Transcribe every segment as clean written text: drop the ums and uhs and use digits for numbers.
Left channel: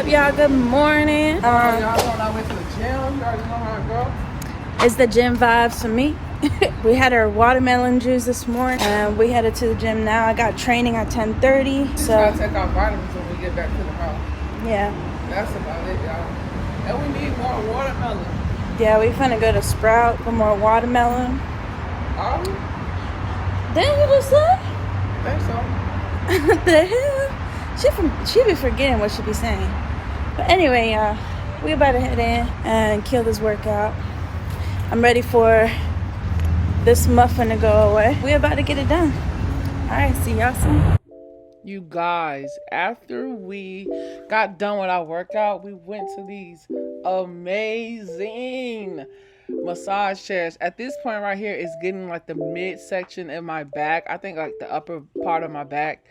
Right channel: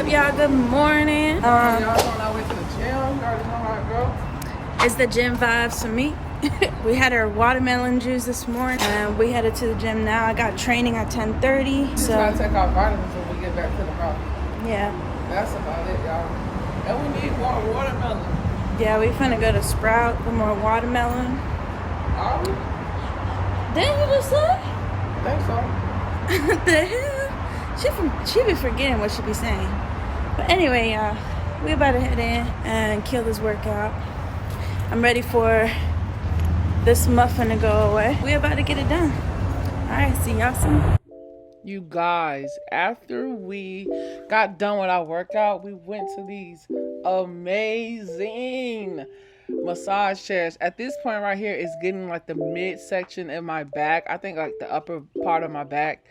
up, y'all? Good morning. Y'all know I went to the gym. You already know how it goes. It's the gym vibes for me. We had our watermelon juice this morning, and we headed to the gym now. I got training at 10:30. So try to take our vitamins when we get back to the house. Yeah. That's about it, y'all. And we need more watermelon. Yeah, we finna go to Sprout for more watermelon. Are we? Didn't you just say? Think so. The hell? She be forgetting what she be saying. But anyway, y'all, we about to head in and kill this workout. I'm ready for this muffin to go away. We about to get it done. All right, see y'all soon. You guys, after we got done with our workout, we went to these amazing massage chairs. At this point right here, it's getting like the midsection in my back. I think like the upper part of my back.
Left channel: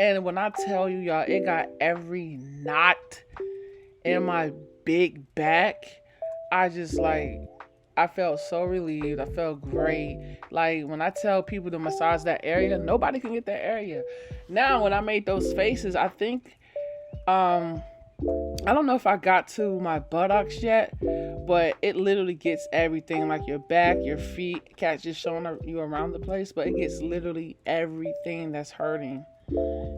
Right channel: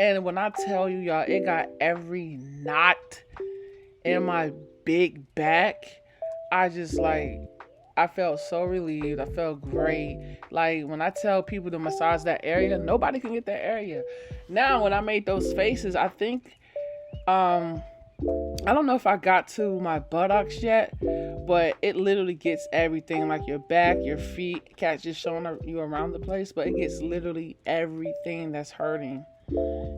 And when I tell you, y'all, it got every knot in my big back. I felt so relieved. I felt great. Like, when I tell people to massage that area, nobody can get that area. Now, when I made those faces, I think, I don't know if I got to my buttocks yet, but it literally gets everything, like your back, your feet. Cat's just showing you around the place, but it gets literally everything that's hurting.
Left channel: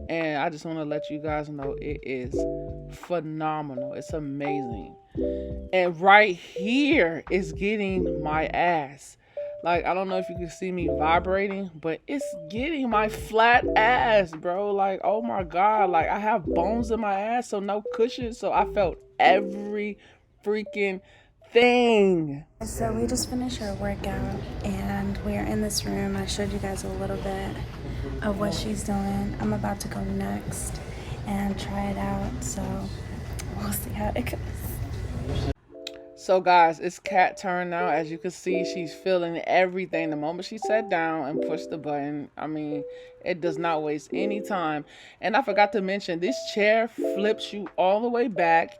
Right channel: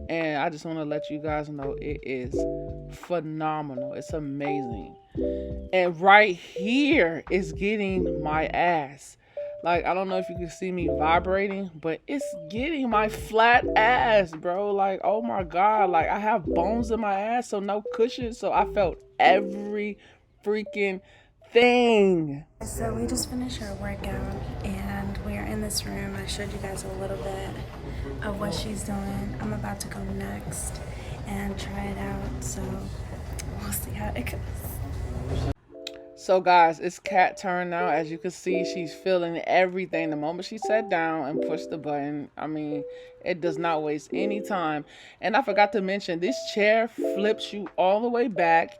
And I just want to let you guys know it is phenomenal. It's amazing. And right here is getting my ass. Like, I don't know if you can see me vibrating, but it's getting my flat ass, bro. Like, oh my God. Like, I have bones in my ass, so no cushion. So I felt every freaking thing. So we just finished our workout and we are in this room. I showed you guys a little bit of what she's doing. I'm about to go next and try it out. So we'll see how it goes. So guys, it's Kat turn now. As you can see, she's feeling everything. The moment she sat down and pushed the button, I mean, it does not waste any time. And I forgot to mention, this chair flips you all the way back.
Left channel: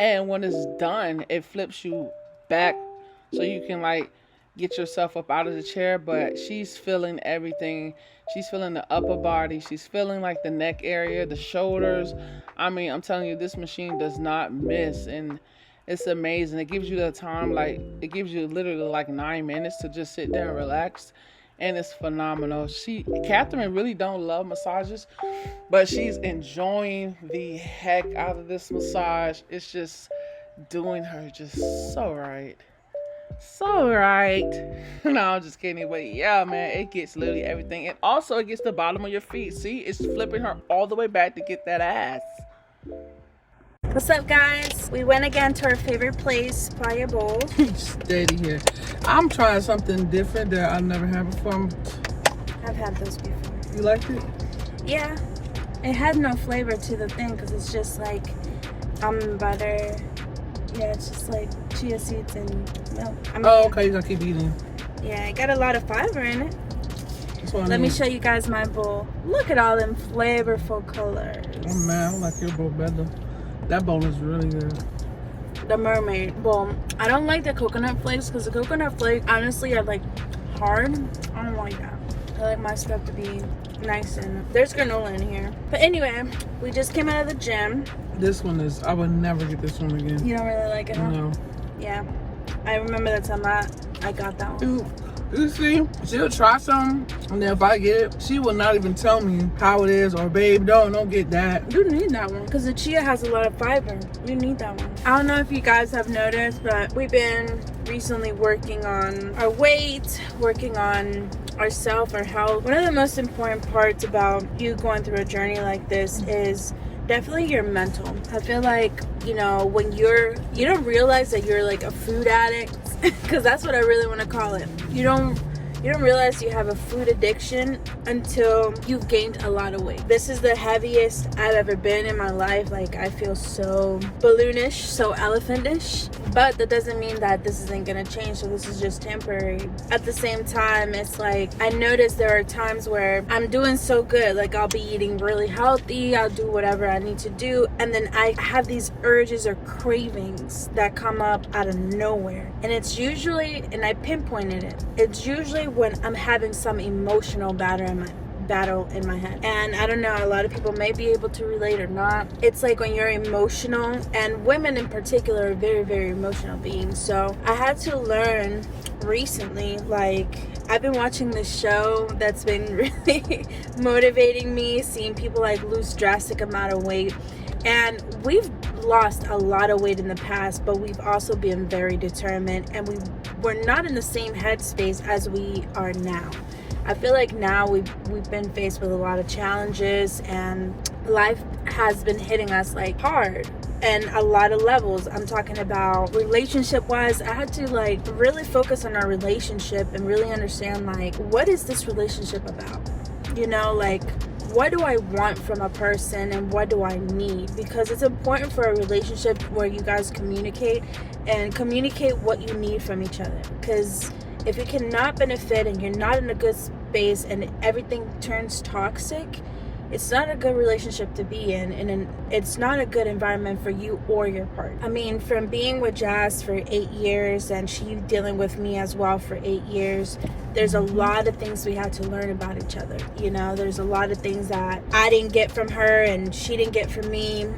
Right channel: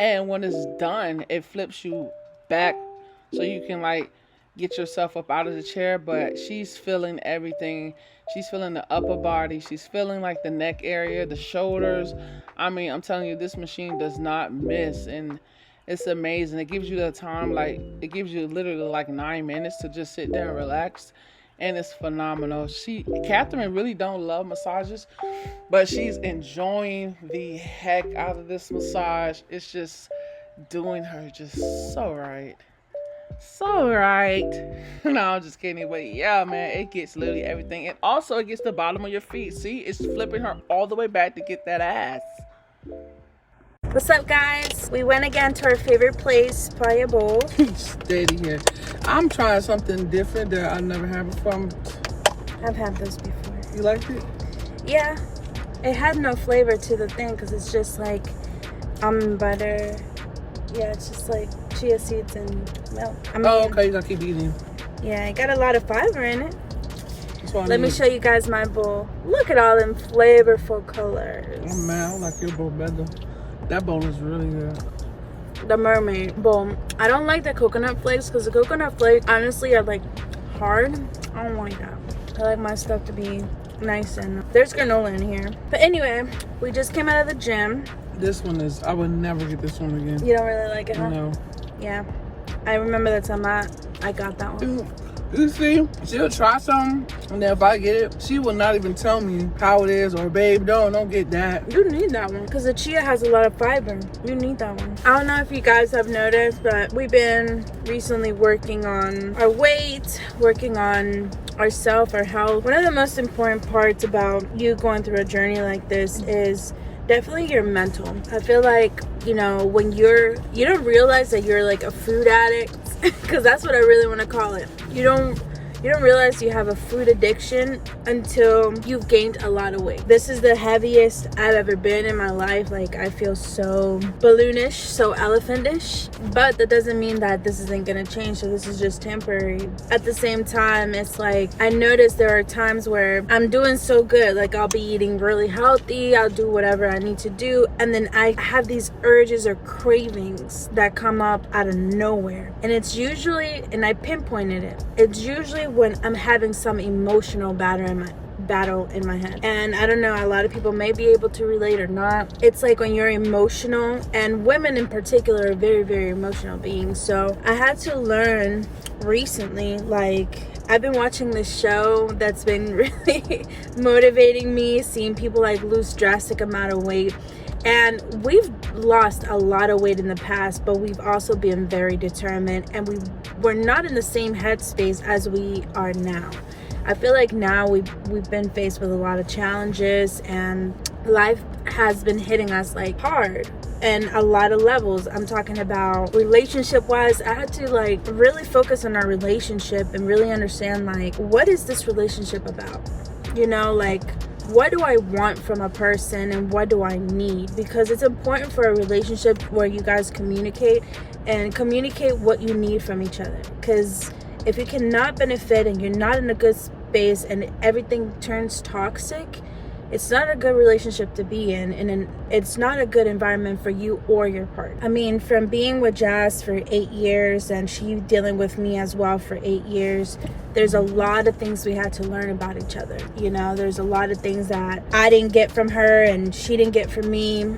And when it's done, it flips you back so you can like get yourself up out of the chair. But she's feeling everything. She's feeling the upper body. She's feeling like the neck area, the shoulders. I mean, I'm telling you, this machine does not miss. And it's amazing. It gives you the time, like, it gives you literally like 9 minutes to just sit there and relax. And it's phenomenal. Catherine really don't love massages, but she's enjoying the heck out of this massage. It's just doing her just so right. So right. No, I'm just kidding. But yeah, man, it gets literally everything. And also it gets the bottom of your feet. See, it's flipping her all the way back to get that ass. What's up, guys? We went again to our favorite place, Playa Bowl. Steady here. I'm trying something different that I've never had before. I've had this before. You liked it? Yeah. It had no flavor to the thing because it's just like almond butter. Yeah, it's just like chia seeds and milk. Okay, you gotta keep eating. Yeah, it got a lot of fiber in it. Let me show you guys my bowl. Look at all them flavorful colors. Oh man, I like your bowl better. That bowl is really good. The mermaid bowl. I don't like the coconut flakes because the coconut flakes honestly are like hard. I don't like that. I like my stuff to be nice, and there's granola in here. But anyway, we just came out of the gym. This one is, I would never get this one again. You don't really like it, huh? No. Yeah. I remember that time I got that one. You see, she'll try something, and then if I get it, she will not even tell me how it is, or babe, don't get that. You need that one because the chia has a lot of fiber. You need that one. I don't know if you guys have noticed, but we've been recently working on our weight, working on ourself, our health. One of the most important parts about you going through a journey like this is definitely your mental. I feel like, you know, when you don't realize that you're like a food addict, because that's what I really want to call it. You don't realize you have a food addiction until you've gained a lot of weight. This is the heaviest I've ever been in my life. Like, I feel so balloonish, so elephantish. But that doesn't mean that this isn't gonna change, so this is just temporary. At the same time, it's like, I notice there are times where I'm doing so good. Like, I'll be eating really healthy, I'll do whatever I need to do, and then I have these urges or cravings that come up out of nowhere. And it's usually, and I pinpointed it, it's usually when I'm having some emotional battle battle in my head. And I don't know, a lot of people may be able to relate or not. It's like when you're emotional, and women in particular are very, very emotional beings. So I had to learn recently, like, I've been watching this show that's been really motivating me, seeing people like lose drastic amount of weight. And we've lost a lot of weight in the past, but we've also been very determined, and we're not in the same headspace as we are now. I feel like now we've been faced with a lot of challenges, and life has been hitting us like hard and a lot of levels. I'm talking about relationship wise. I had to like really focus on our relationship and really understand, like, what is this relationship about? You know, like, what do I want from a person and what do I need? Because it's important for a relationship where you guys communicate what you need from each other. Because if you cannot benefit and you're not in a good space and everything turns toxic, it's not a good relationship to be in, and it's not a good environment for you or your partner. I mean, from being with Jazz for 8 years and she dealing with me as well for 8 years, there's a lot of things we had to learn about each other. You know, there's a lot of things that I didn't get from her and she didn't get from me.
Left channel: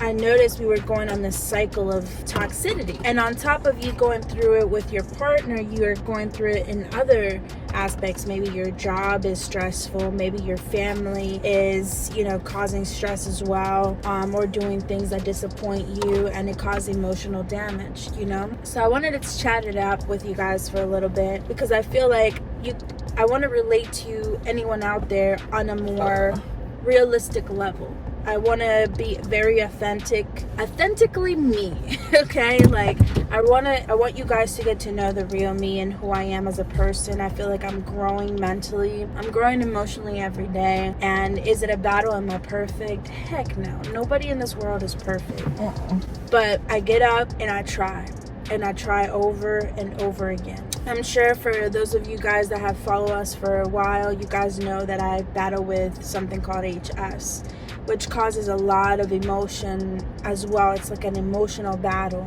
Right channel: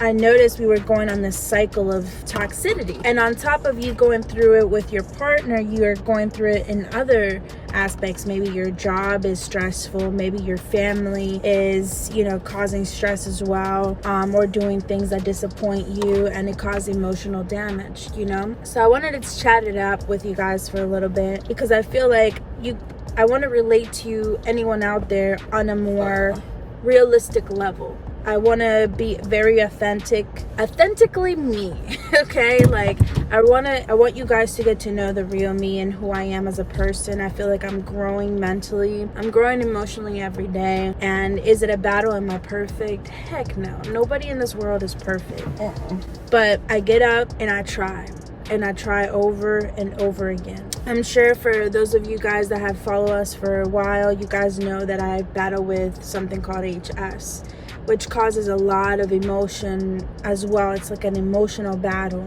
I noticed we were going on this cycle of toxicity. And on top of you going through it with your partner, you are going through it in other aspects. Maybe your job is stressful. Maybe your family is, you know, causing stress as well, or doing things that disappoint you, and it causes emotional damage, you know? So I wanted to chat it up with you guys for a little bit, because I feel like I want to relate to anyone out there on a more realistic level. I want to be very authentically me. Okay, like I want you guys to get to know the real me and who I am as a person. I feel like I'm growing mentally, I'm growing emotionally every day. And is it a battle? Am I perfect? Heck no. Nobody in this world is perfect. But I get up and I try. And I try over and over again. I'm sure for those of you guys that have followed us for a while, you guys know that I battle with something called HS, which causes a lot of emotion as well. It's like an emotional battle.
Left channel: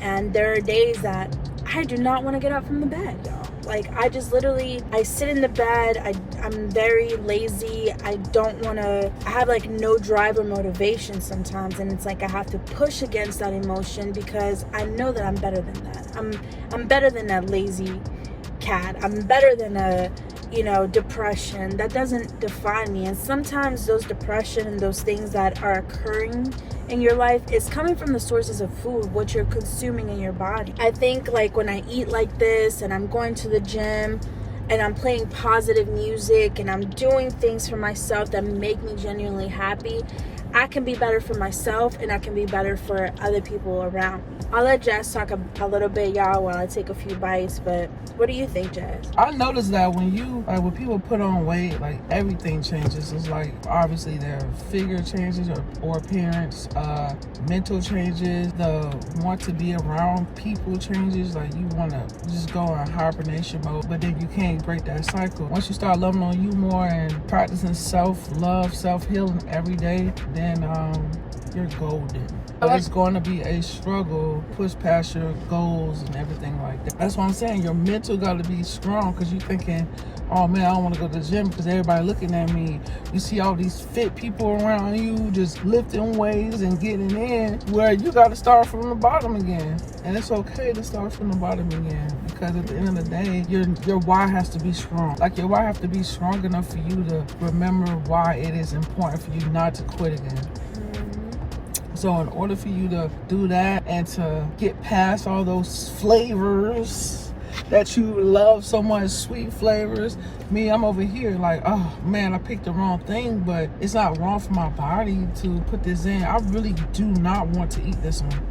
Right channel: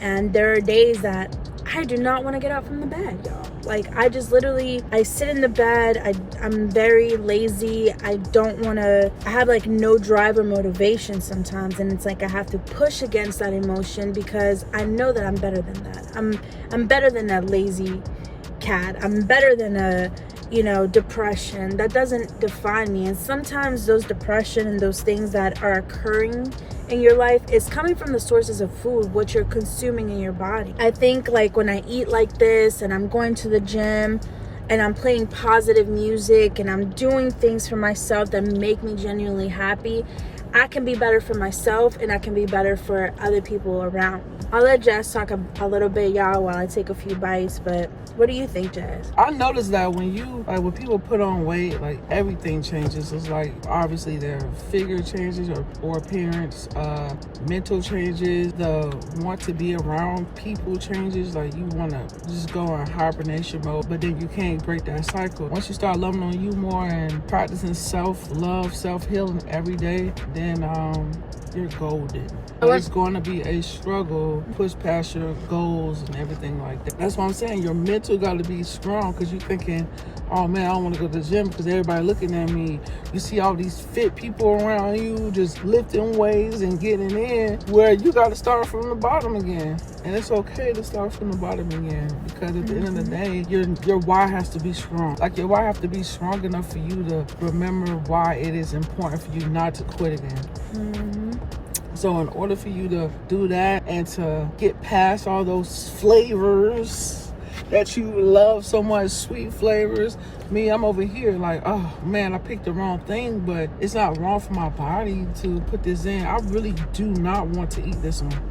And there are days that I do not want to get up from the bed, y'all. Like, I just literally, I sit in the bed. I'm very lazy. I have like no drive or motivation sometimes. And it's like I have to push against that emotion because I know that I'm better than that. I'm better than that lazy cat. I'm better than a, you know, depression. That doesn't define me. And sometimes those depression and those things that are occurring in your life is coming from the sources of food, what you're consuming in your body. I think like when I eat like this and I'm going to the gym and I'm playing positive music and I'm doing things for myself that make me genuinely happy, I can be better for myself and I can be better for other people around me. I'll let Jazz talk a little bit, y'all, while I take a few bites, but what do you think, Jazz? I noticed that when people put on weight, like everything changes. It's like obviously their figure changes or appearance, mental changes, the want to be around people changes. Like you want to just go in hibernation mode, but then you can't break that cycle. Once you start loving on you more and practicing self-love, self-healing every day, then you're golden. But it's going to be a struggle, push past your goals and everything like that. That's what I'm saying. Your mental got to be strong, because you're thinking, oh man, I don't want to go to the gym because everybody looking at me. You see all these fit people around you just lifting weights and getting in, where you got to start from the bottom again. And it's okay to start from the bottom again, because at the end of the day, your why has to be strong. Like your why has to be strong enough for you to remember why it is important for you not to quit again. So in order for you to do that and to get past all those flavors that you love so much, sweet flavors, me, I'm over here like, oh man, I picked the wrong thing, but it's not wrong for my body to put this in. I really do not want to eat this one.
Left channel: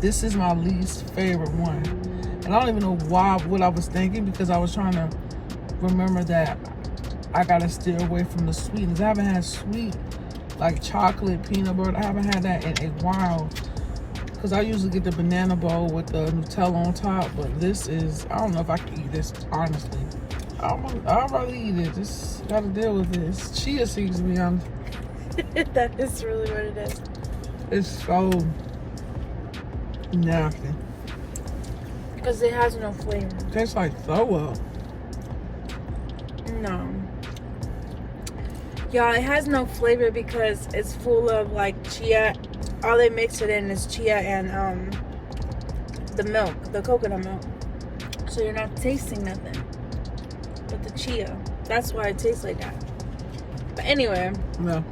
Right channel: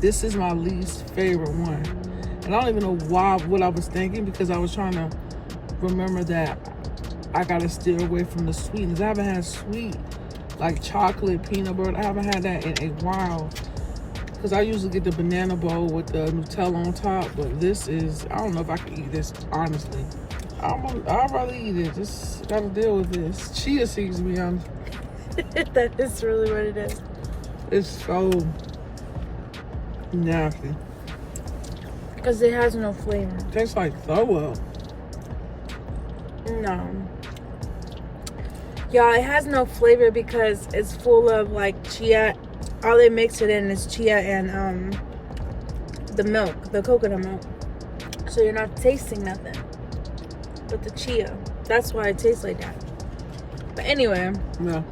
This is my least favorite one. And I don't even know what I was thinking, because I was trying to remember that I gotta steer away from the sweetness. I haven't had sweet, like chocolate, peanut butter. I haven't had that in a while, because I usually get the banana bowl with the Nutella on top, but this is, I don't know if I can eat this, honestly. I'd rather eat it. Just gotta deal with this. Chia seeds me. That is really what it is. It's so nasty. Because it has no flavor. It tastes like throw up. No. Y'all, it has no flavor because it's full of like chia. All they mix it in is chia and the milk, the coconut milk. So you're not tasting nothing but the chia. That's why it tastes like that. But anyway. Yeah.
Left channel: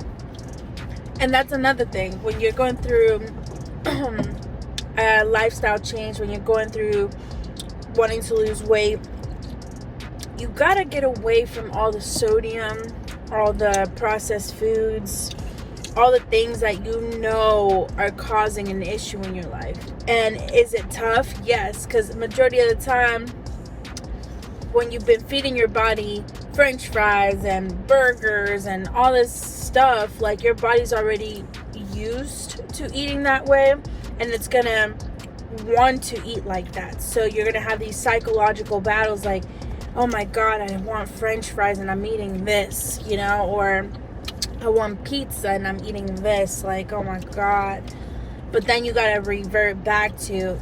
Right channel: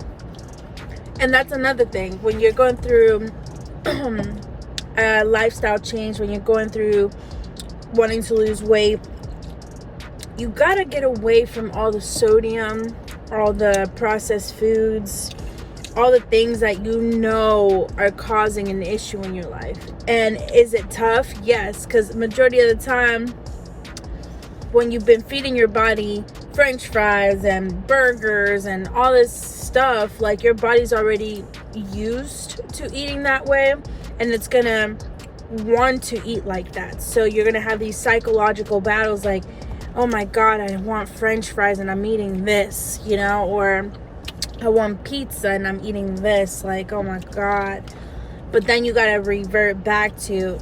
And that's another thing. When you're going through a lifestyle change, when you're going through wanting to lose weight, you gotta get away from all the sodium, all the processed foods, all the things that you know are causing an issue in your life. And is it tough? Yes, because majority of the time, when you've been feeding your body French fries and burgers and all this stuff, like your body's already used to eating that way, and it's gonna want to eat like that. So you're gonna have these psychological battles like, oh my god, I want French fries and I'm eating this, you know, or I want pizza and I'm eating this, like, oh my god. But then you gotta revert back to,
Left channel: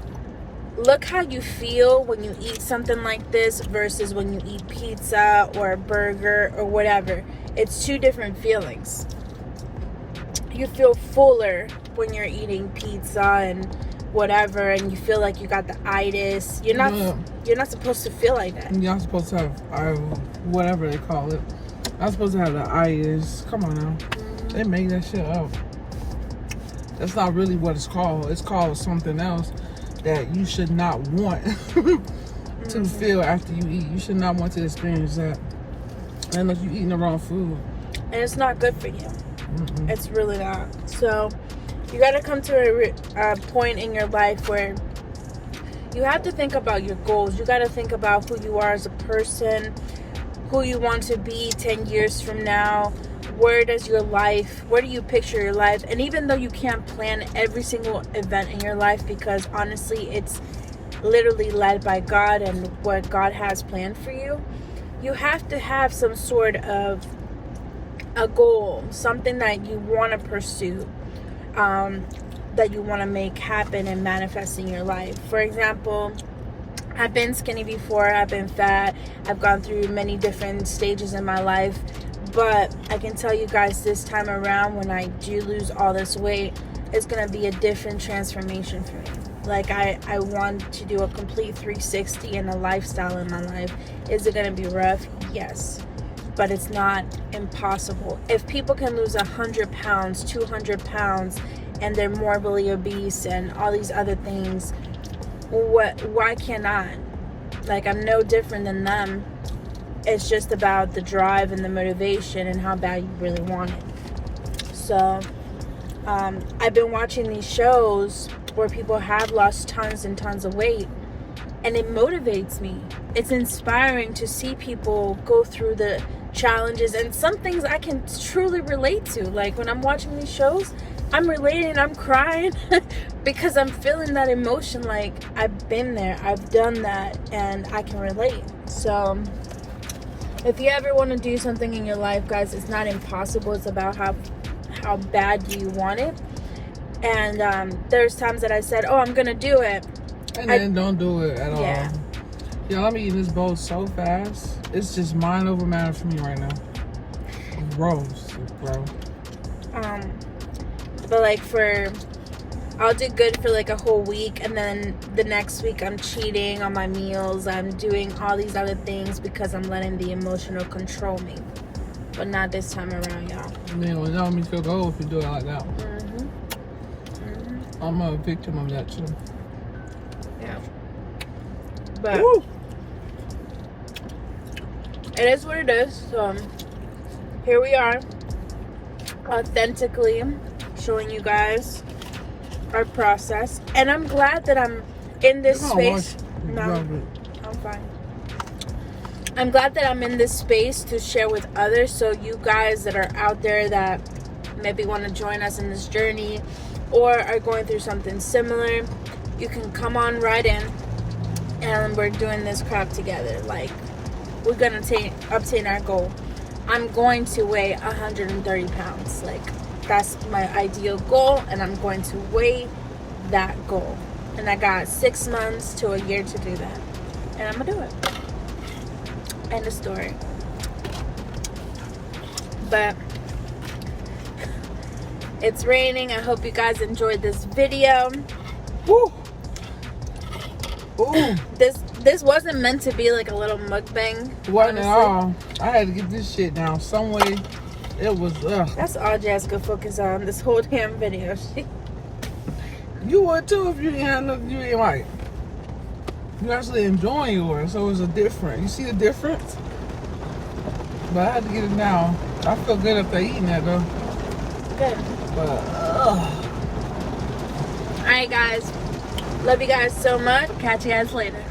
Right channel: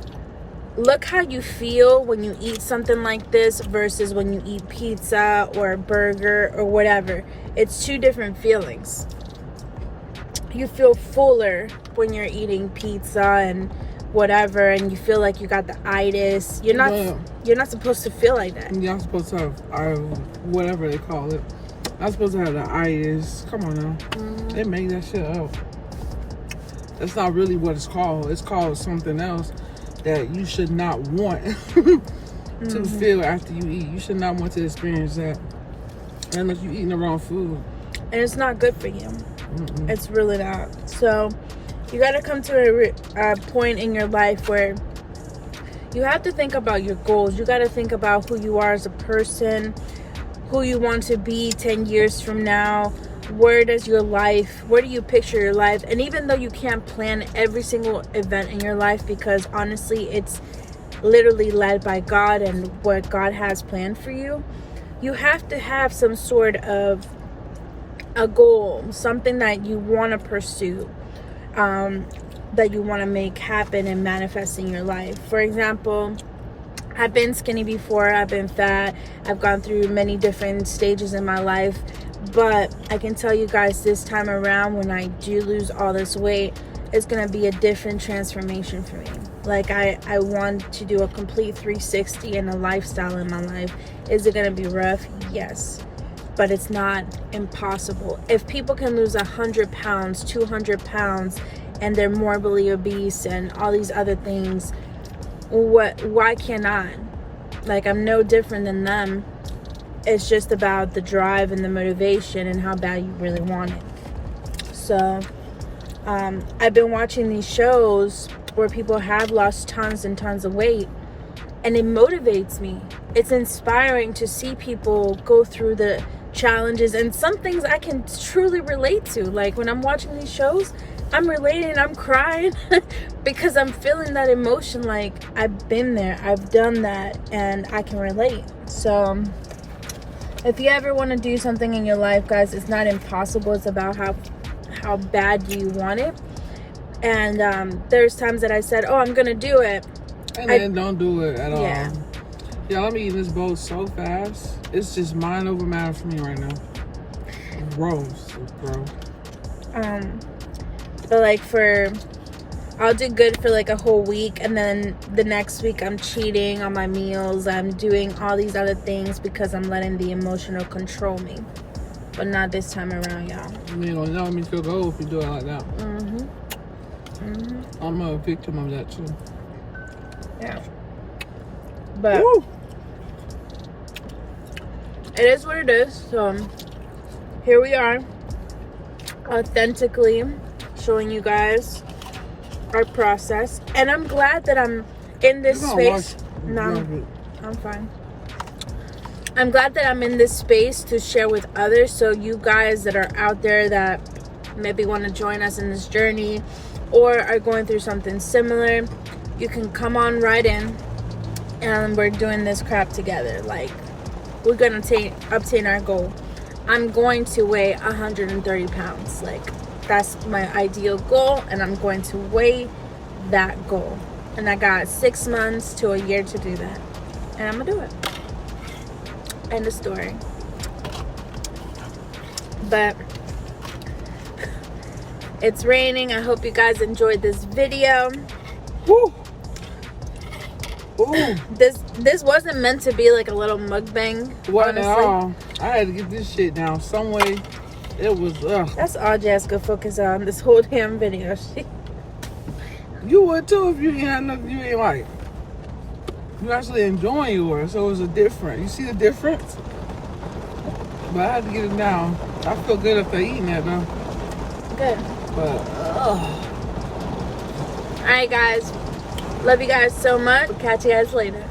look how you feel when you eat something like this versus when you eat pizza or a burger or whatever. It's two different feelings. You feel fuller when you're eating pizza and whatever, and you feel like you got the itis. You're not supposed to feel like that. You're not supposed to have whatever they call it. I'm supposed to have the itis. Come on now. They make that shit up. That's not really what it's called. It's called something else that you should not want to feel after you eat. You should not want to experience that unless you're eating the wrong food. And it's not good for you. It's really not. So you got to come to a point in your life where you have to think about your goals. You got to think about who you are as a person, who you want to be 10 years from now. Where do you picture your life? And even though you can't plan every single event in your life, because honestly, it's literally led by God and what God has planned for you, you have to have some sort of a goal, something that you want to pursue, that you want to make happen and manifest in your life. For example, I've been skinny before, I've been fat, I've gone through many different stages in my life, but I can tell you guys, this time around, when I do lose all this weight, it's going to be a different transformation for me. Like, I want to do a complete 360 in a lifestyle in my life. Is it going to be rough? Yes. But it's not impossible. If people can lose 100 pounds, 200 pounds, and they're morbidly obese and all these other things, why can't I? Like, I'm no different than them. It's just about the drive and the motivation and how bad you really want it. So, I've been watching these shows where people have lost tons and tons of weight, and it motivates me. It's inspiring to see people go through the challenges, and some things I can truly relate to. Like, when I'm watching these shows, I'm relating, I'm crying because I'm feeling that emotion. Like, I've been there, I've done that, and I can relate. So if you ever want to do something in your life, guys, it's not impossible. It's about how bad do you want it. And there's times that I said, oh, I'm gonna do it, and then don't do it at all. Yeah, let me eat this bowl so fast. It's just mind over matter for me right now. Gross, bro. But like, I'll do good for like a whole week, and then the next week I'm cheating on my meals. I'm doing all these other things because I'm letting the emotional control me. But not this time around, y'all. I mean, well, that means you'll go if you do it like that. I'm a victim of that too. Yeah. But woo! It is what it is. So here we are, authentically showing you guys our process, and I'm glad that I'm in this space. No, I'm fine. I'm glad that I'm in this space to share with others, so you guys that are out there that maybe want to join us in this journey or are going through something similar, you can come on right in, and we're doing this crap together. Like, we're gonna obtain our goal. I'm going to weigh 130 pounds. Like, that's my ideal goal, and I'm going to weigh that goal. And I got 6 months to a year to do that, and I'm gonna do it. End of story. But It's raining. I hope you guys enjoyed this video. Woo. Ooh. This wasn't meant to be like a little mukbang. Wasn't at all. I had to get this shit down some way. It was. That's all Jazz could focus on this whole damn video. You would too if you didn't have nothing you didn't like. You're actually enjoying yours, so it was a different. You see the difference? But I had to get it down. I feel good after eating that though. Good. But Alright guys. Love you guys so much. Catch you guys later.